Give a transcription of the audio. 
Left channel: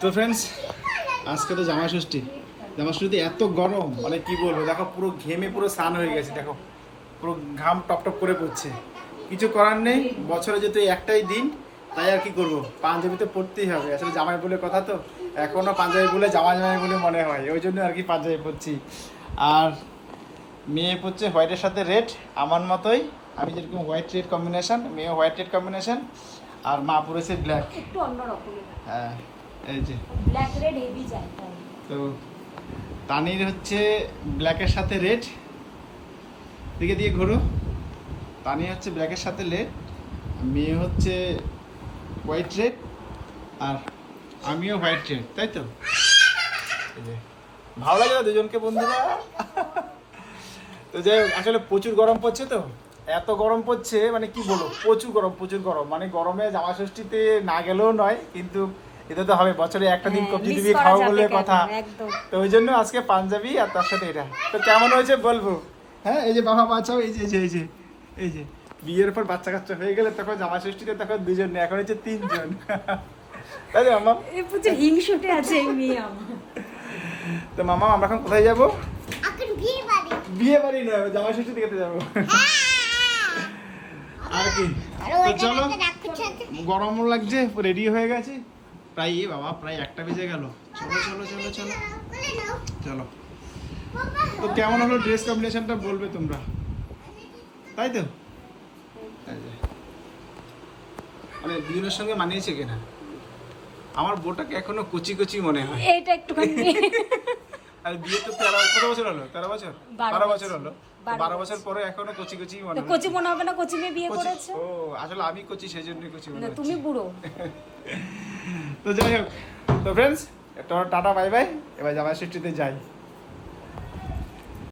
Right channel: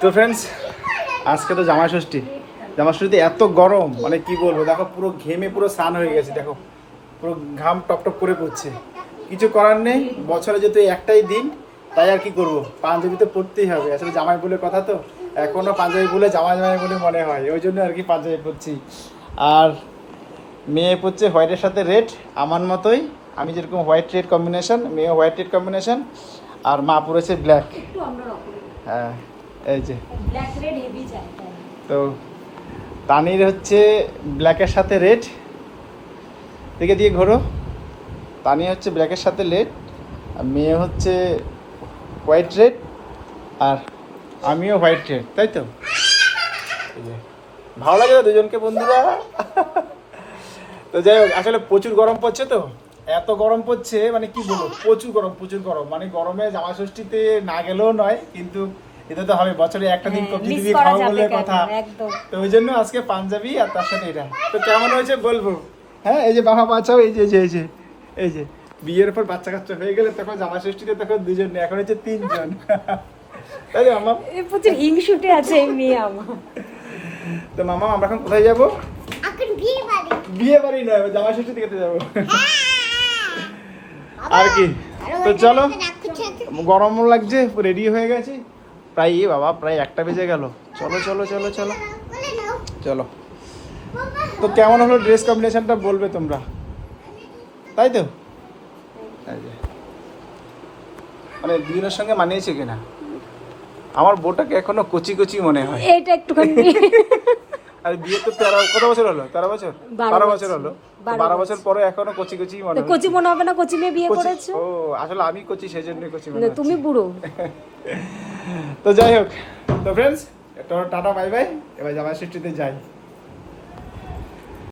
তো ফ্রেন্ডস, আজকে তো জামাই ষষ্ঠী। জামাই ষষ্ঠীতে এত গরম, মানে কি বলবো, দেখো পুরো ঘেমে পুরো স্নান হয়ে গেছে, দেখো পুরো ঘাম টপ টপ করে পড়ছে। কিছু করার নেই, বছরে যেহেতু একটাই দিন, তাই আর কি করবো, পাঞ্জাবি তো পরতেই হবে। আসলে জামাই বলে কথা তো, এখনও পাঞ্জাবি বলে জামাই জামাই বলে মনে হয়, ওই জন্য আর কি পাঞ্জাবি পরছি। আর মেয়ে পরছে হোয়াইটের সাথে রেড, আমার মতোই। আমি যেরকম হোয়াইট রেড কম্বিনেশন, মেয়ে হোয়াইট রেড কম্বিনেশন, আর মা পরেছে ব্ল্যাক। একটু অন্যরকম। হ্যাঁ, এই যে ব্ল্যাক রেড হেভি চাই। তো তানির হচ্ছে ব্ল্যাকের সাথে রেড, দিকে দিয়ে ঘোরো। তানি হচ্ছে ব্ল্যাকের সাথে রেড, আর মেয়ে হচ্ছে হোয়াইট রেড, আর আমিও হোয়াইট রেড, তাই তো? এই যে, ভালো লাগে দুজনকে বন্ধুরা। তো যাই হোক, আসলে প্রচুর গরম পড়ছে তো, এত গরম পড়ছে মানে কি বলবো, প্রচুর গরম প্রচুর গরম। মানে গরমে জামা ষষ্ঠীতে না গেলেও নয়, কিন্তু এটা তো হবে, বছরে একটা দিন কবজি দিবি খাওয়া বলে কথা। তো ওই জন্য আজকে পাঞ্জাবি আর তার সাথে এটা। তো কেমন হয়েছে বলবো। হ্যাঁ, এই যে বাবা বাঁচাও, এই যে এই যে এই যে এই যে বিয়ের পর বাচ্চা কাচ্চা হয়ে গেলে তখন জামা ষষ্ঠীতে তখন দুজন নেই, এখন হচ্ছে তিনজন। তাই তো মামা? প্রচুর হিংসুটে আছে এই মেয়ে আমার। তো মামা, আমরা এখন কোথায় যাবো? বিয়ে বাড়ি নয়, জামা ষষ্ঠী দেখতে যাবো। আর কি, তো চলো, গরম লাগছে, রেডি হয়ে গেছে প্রায়। বাবা প্রায় 1টা বেজে গেল। চলো চলো চলো চলো চলো। তো কেমন হলো ড্রেস কম্বিনেশনটা বলবে তোমরা, তাই তো? এই যে, মানে দুজনের সঙ্গে মানিয়েছে কিনা। আমার বউটাকে এখনো কচি কচি মনে হয়। এটা একটুখানি আর বিয়ে তো কত বছর হলো? 13 বছর, 12 বছর হলো। 12 বছর পরে এখনো কচি কচি মনে হয়। কচি মনে হবে না, কচি মেয়ে বিয়ে করেছো। ও, আসলে আমি কচি, সেই জন্য কচি মনে না, হচ্ছে। তুমি বুড়ো। তো যাই হোক, তো ফ্রেন্ডস, টাটা বাই বাই। এবার জামাই ষষ্ঠীতে যাই।